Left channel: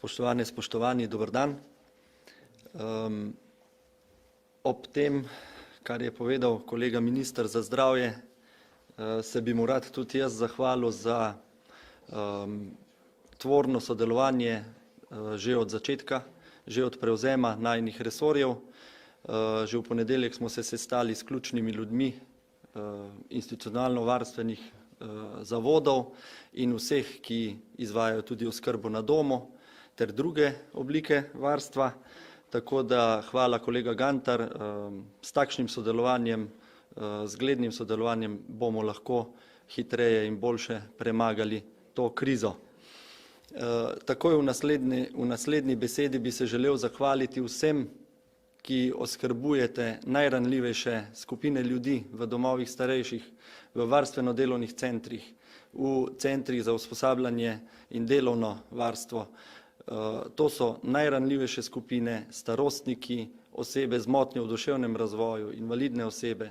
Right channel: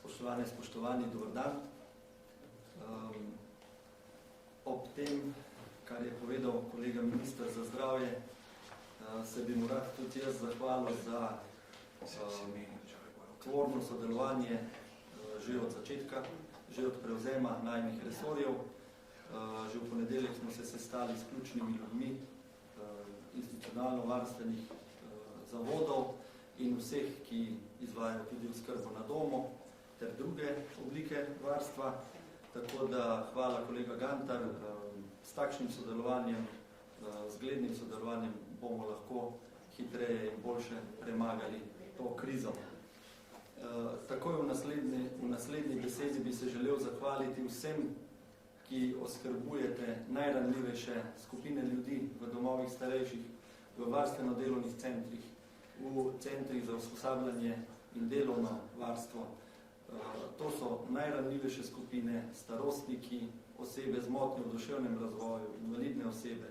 Spoštovane, spoštovani, dober dan. Ob tem, kar je povedal kolega minister za zdravje, se bi mu rad tudi jaz zahvalil za tvorno sodelovanje že od začetka, že od prevzema najinih resorjev. Že v ponedeljek smo se sestali s ključnimi ljudmi institucionalno-varstvenih zavodov in vseh, ki izvajajo tudi oskrbo na domu ter druge oblike varstva. Tako da hvala kolega Gantar, s takšnim sodelovanjem, zglednim sodelovanjem bomo lahko hitreje in boljše premagali to krizo. Takoj v naslednji besedi bi se želel zahvaliti vsem, ki oskrbujete najranljivejše skupine ljudi v domovih starejših, v varstveno-delovnih centrih, v centrih za usposabljanje in delovno varstvo. To so najranljivejše skupine, starostniki, osebe z motnjo v duševnem razvoju, invalidne osebe.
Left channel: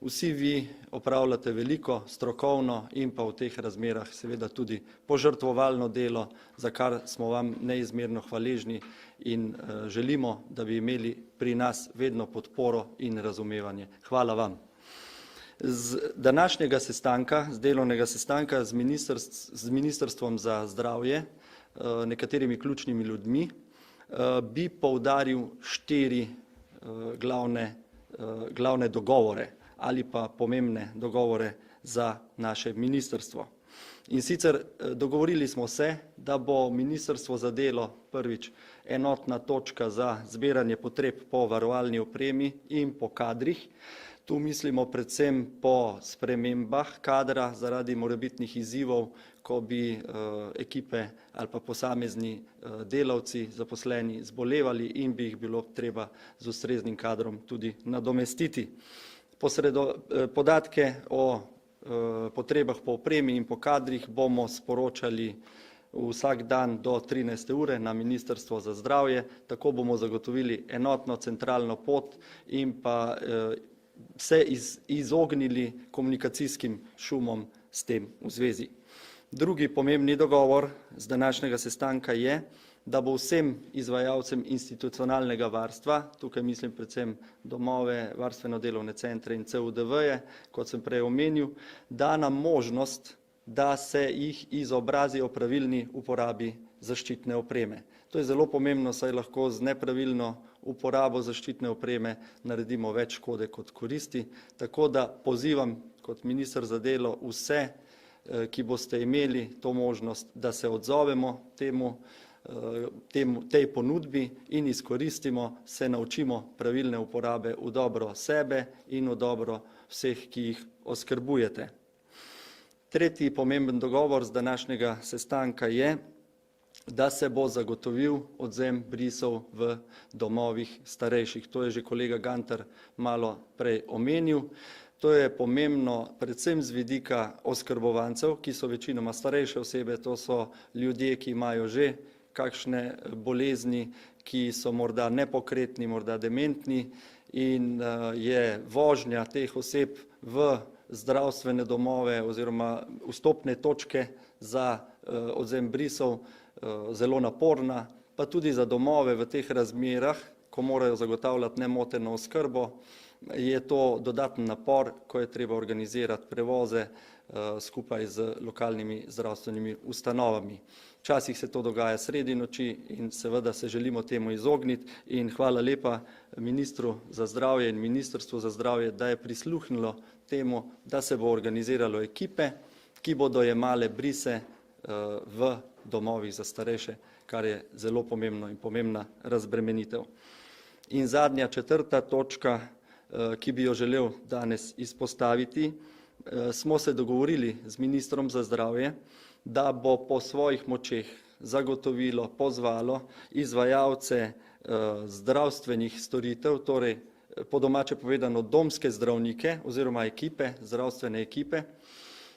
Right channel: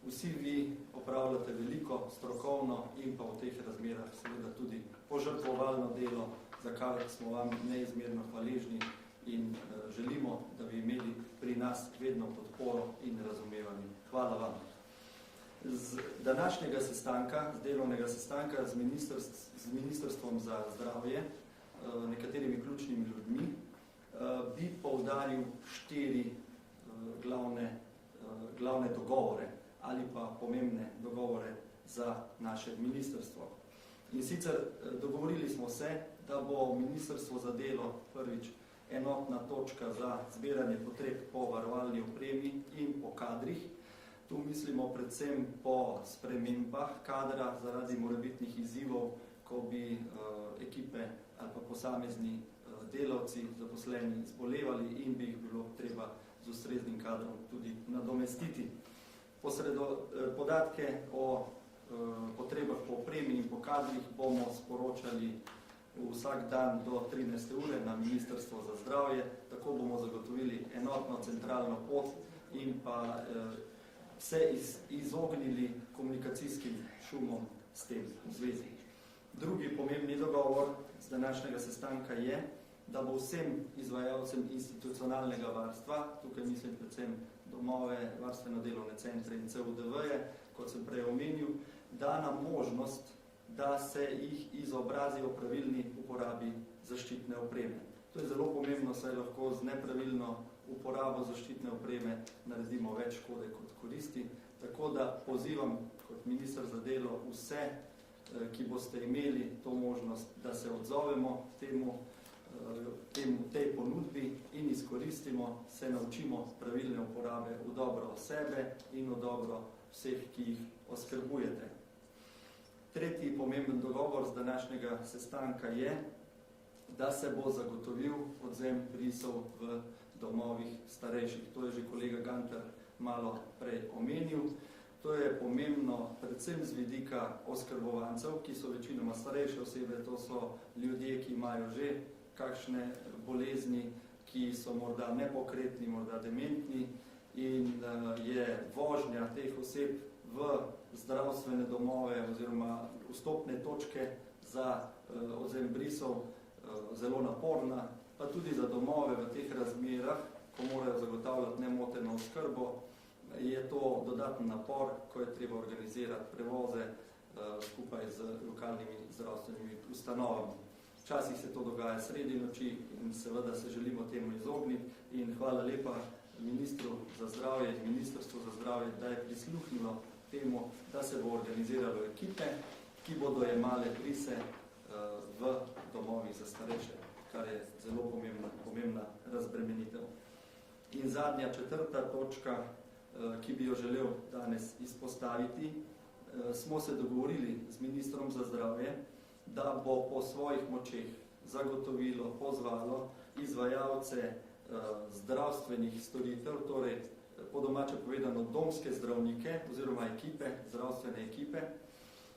Vsi vi opravljate veliko strokovno in pa v teh razmerah seveda tudi požrtvovalno delo, za kar smo vam neizmerno hvaležni in želimo, da bi imeli pri nas vedno podporo in razumevanje. Hvala vam. Z današnjega sestanka, z delovnega sestanka z Ministrstvom za zdravje, nekaterimi ključnimi ljudmi, bi poudaril 4 glavne dogovore ali pa pomembne dogovore za naše ministrstvo. In sicer dogovorili smo se, da bo Ministrstvo za delo prvič enotna točka za zbiranje potreb po varovalni opremi in po kadrih. Tu mislimo predvsem po spremembah kadra zaradi morebitnih izzivov, ko bi ekipe ali pa posamezni delavci, zaposleni zbolevali in bi jih bilo treba z ustreznim kadrom tudi nadomestiti. Podatke o potrebah po opremi in po kadrih bomo sporočali vsak dan do 13. ure na Ministrstvo za zdravje, tako bomo zagotovili enotno centralno pot in pa se izognili komunikacijskim šumom s tem v zvezi. Drugi pomembni dogovor z današnjega sestanka je, da bo vsem izvajalcem institucionalnega varstva, tukaj mislim predvsem domove, varstveno-delovne centre in CUDV-je, kot sem prej omenil, dana možnost, da se jih izobrazi o pravilni uporabi zaščitne opreme. To je zelo pomembno, saj lahko z nepravilno uporabo zaščitne opreme naredimo več škode kot koristi. Tako da pozivam kot minister za delo vse, ki boste imeli to možnost, da se odzovemo tej ponudbi in izkoristimo, se naučimo pravilne uporabe v dobro sebe in v dobro vseh, ki jih oskrbujete. Tretji pomemben dogovor z današnjega sestanka je, da se bo zagotovil odvzem brisov v domovih starejših. To je že kolega Gantar malo prej omenil. To je pomembno predvsem z vidika oskrbovancev, ki so večinoma starejše osebe, to so ljudje, ki imajo že kakšne bolezni, ki so morda nepokretni, morda dementni in je vožnja teh oseb v zdravstvene domove oziroma vstopne točke za odvzem brisov zelo naporna, pa tudi za domove v teh razmerah, ko morajo zagotavljati nemoteno oskrbo, je to dodaten napor, ko je treba organizirati prevoze skupaj z lokalnimi zdravstvenimi ustanovami. Včasih se to dogaja sredi noči in seveda se želimo temu izogniti in hvala lepa ministru za zdravje in Ministrstvu za zdravje, da je prisluhnilo temu, da se bo organiziralo ekipe, ki bodo jemale brise v domovih za starejše, kar je zelo pomembno in pomembna razbremenitev. In zadnja, 4. točka, ki bi jo želel danes izpostaviti, smo se dogovorili z ministrom za zdravje, da bo po svojih močeh zagotovilo, pozvalo izvajalce zdravstvenih storitev, torej po domače povedano domske zdravnike oziroma ekipe, zdravstvene ekipe,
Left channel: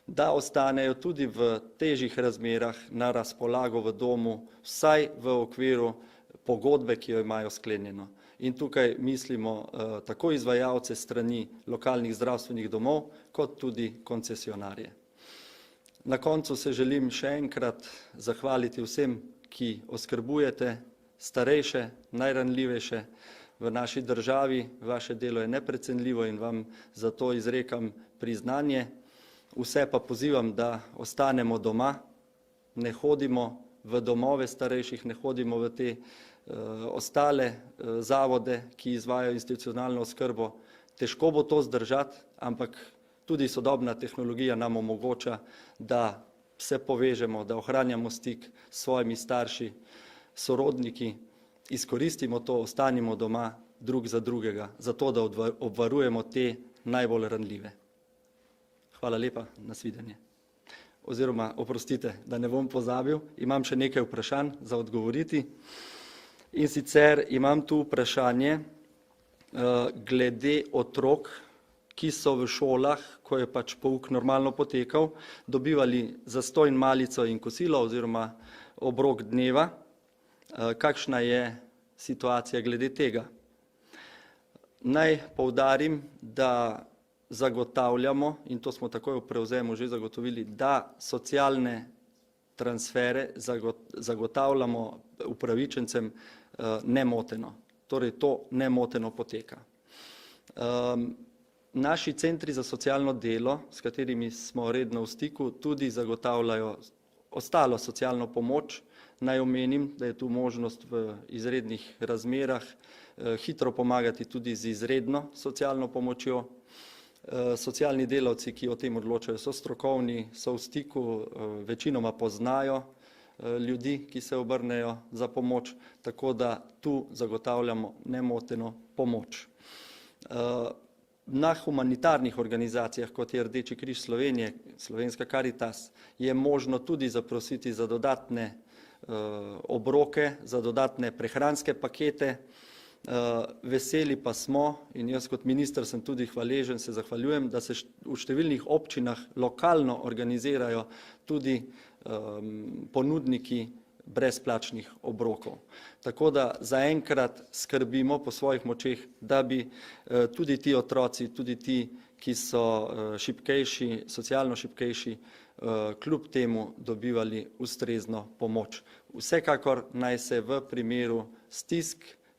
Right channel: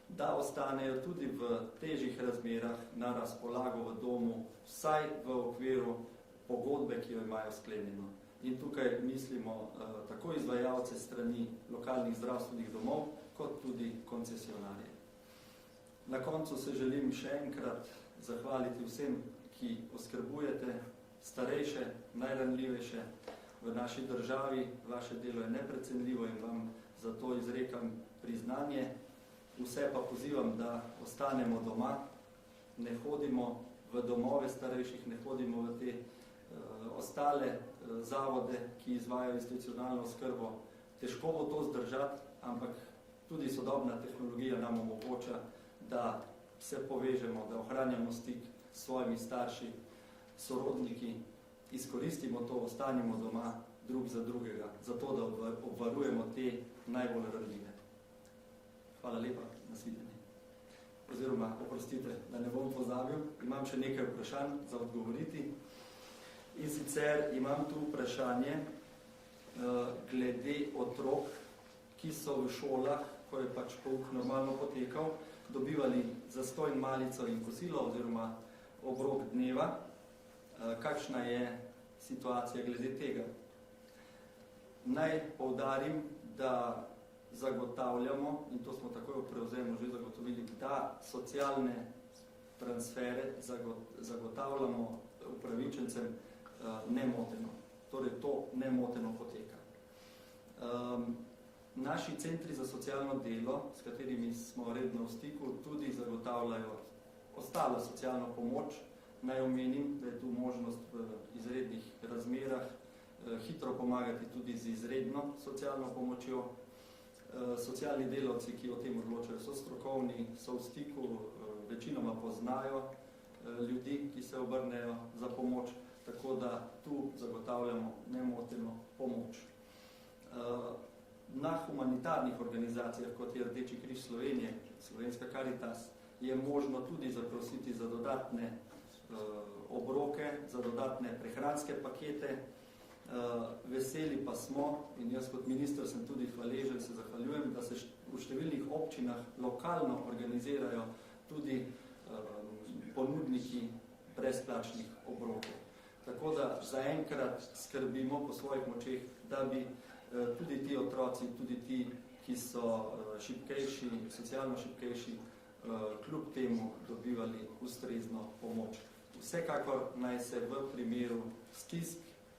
da ostanejo tudi v težjih razmerah na razpolago v domu, vsaj v okviru pogodbe, ki jo imajo sklenjeno. In tukaj mislimo tako izvajalce strani lokalnih zdravstvenih domov, kot tudi koncesionarje. Na koncu se želim še enkrat zahvaliti vsem, ki oskrbujete starejše, najranljivejše v naši državi. Vaše delo je neprecenljivo in vam zato izrekam priznanje. Vse pa pozivam, da ostanemo doma, ne hodimo v domove starejših, ne hodimo v te ostale zavode, ki izvajajo institucionalno oskrbo. Težko bo to zdržati, ampak tudi sodobna tehnologija nam omogoča, da se povežemo, da ohranjamo stik s svojimi starši, sorodniki, izkoristimo to, ostanimo doma drug za drugega, zato da obvarujemo te najbolj ranljive. Hvala lepa, nasvidenje. Oziroma, oprostite, da ne bom pozabil, imam še nekaj vprašanj za odgovoriti. In sicer imam tu vprašanje glede otrok, ki so v šolah, ko je pač pouk normalno potekal, dobivali zastonj malico in kosilo oziroma obrok dneva. Kakšna je situacija glede tega? Naj poudarim, da zagotavljamo, in to smo takoj v prevzemu že zagotovili, da socialne transfere zagotavljamo upravičencem nemoteno. Torej to nemoteno poteka. Naši centri za socialno delo, s katerimi smo redno v stiku, tudi zagotavljajo ostalo socialno pomoč. Naj omenim, da je tu možnost v izrednih razmerah hitro pomagati tudi z izredno socialno pomočjo. Socialni delavci, ki o tem odločajo, so strokovni, so v stiku, večinoma poznajo ljudi, ki se obrnejo za pomoč, tako da tu zagotavljamo nemoteno pomoč. Na humanitarnih organizacijah, kot je Rdeči križ Slovenije, Slovenska Karitas, je možno tudi zaprositi za dodatne obroke, za dodatne prehranske pakete. Veseli pa smo, in jaz kot minister sem tudi hvaležen, se zahvaljujem, da se v številnih občinah lokalno organizirajo tudi ponudniki brezplačnih obrokov. Tako da zaenkrat skrbimo po svojih močeh, da bi tudi ti otroci, tudi ti, ki so šibkejši, socialno šibkejši, kljub temu dobivali ustrezno pomoč. Vsekakor naj se v primeru stisk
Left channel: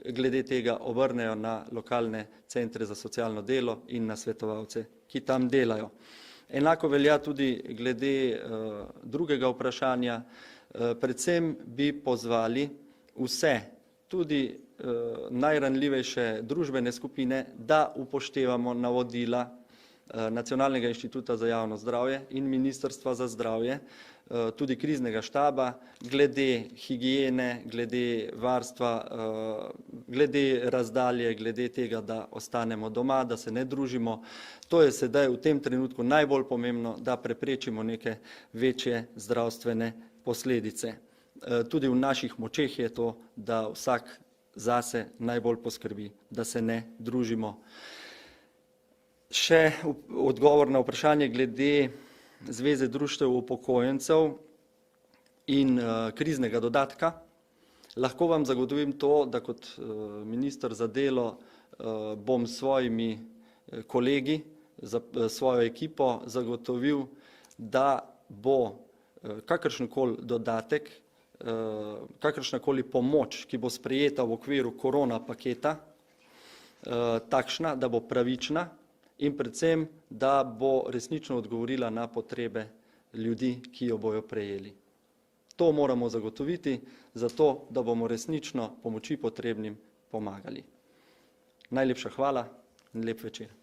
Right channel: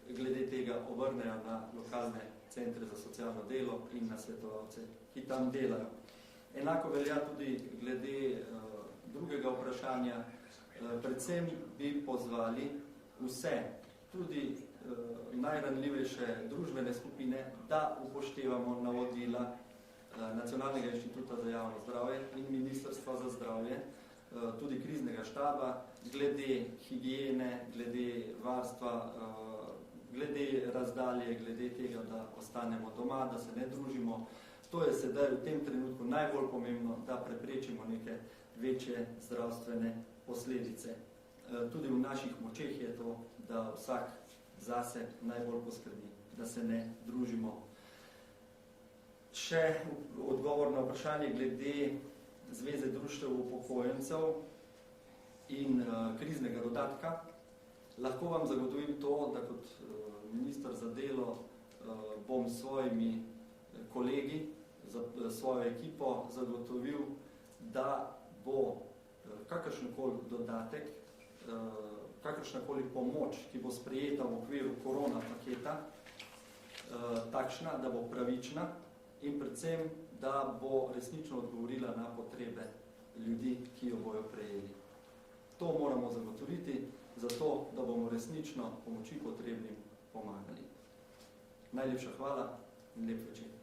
glede tega obrnejo na lokalne centre za socialno delo in na svetovalce, ki tam delajo. Enako velja tudi glede drugega vprašanja. Predvsem bi pozvali vse, tudi najranljivejše družbene skupine, da upoštevamo navodila Nacionalnega inštituta za javno zdravje in Ministrstva za zdravje, tudi kriznega štaba, glede higiene, glede varstva, glede razdalje, glede tega, da ostanemo doma, da se ne družimo. To je sedaj v tem trenutku najbolj pomembno, da preprečimo neke večje zdravstvene posledice. Tudi v naših močeh je to, da vsak zase najbolj poskrbi, da se ne družimo. Še odgovor na vprašanje glede Zveze društev upokojencev in kriznega dodatka. Lahko vam zagotovim to, da kot minister za delo bom s svojimi kolegi, svojo ekipo zagotovil, da bo kakršenkoli dodatek, kakršnakoli pomoč, ki bo sprejeta v okviru korona paketa, takšna, da bo pravična in predvsem, da bo resnično odgovorila na potrebe ljudi, ki jo bojo prejeli. To moramo zagotoviti, zato da bomo resnično pomoči potrebnim pomagali. Najlepša hvala in lep večer.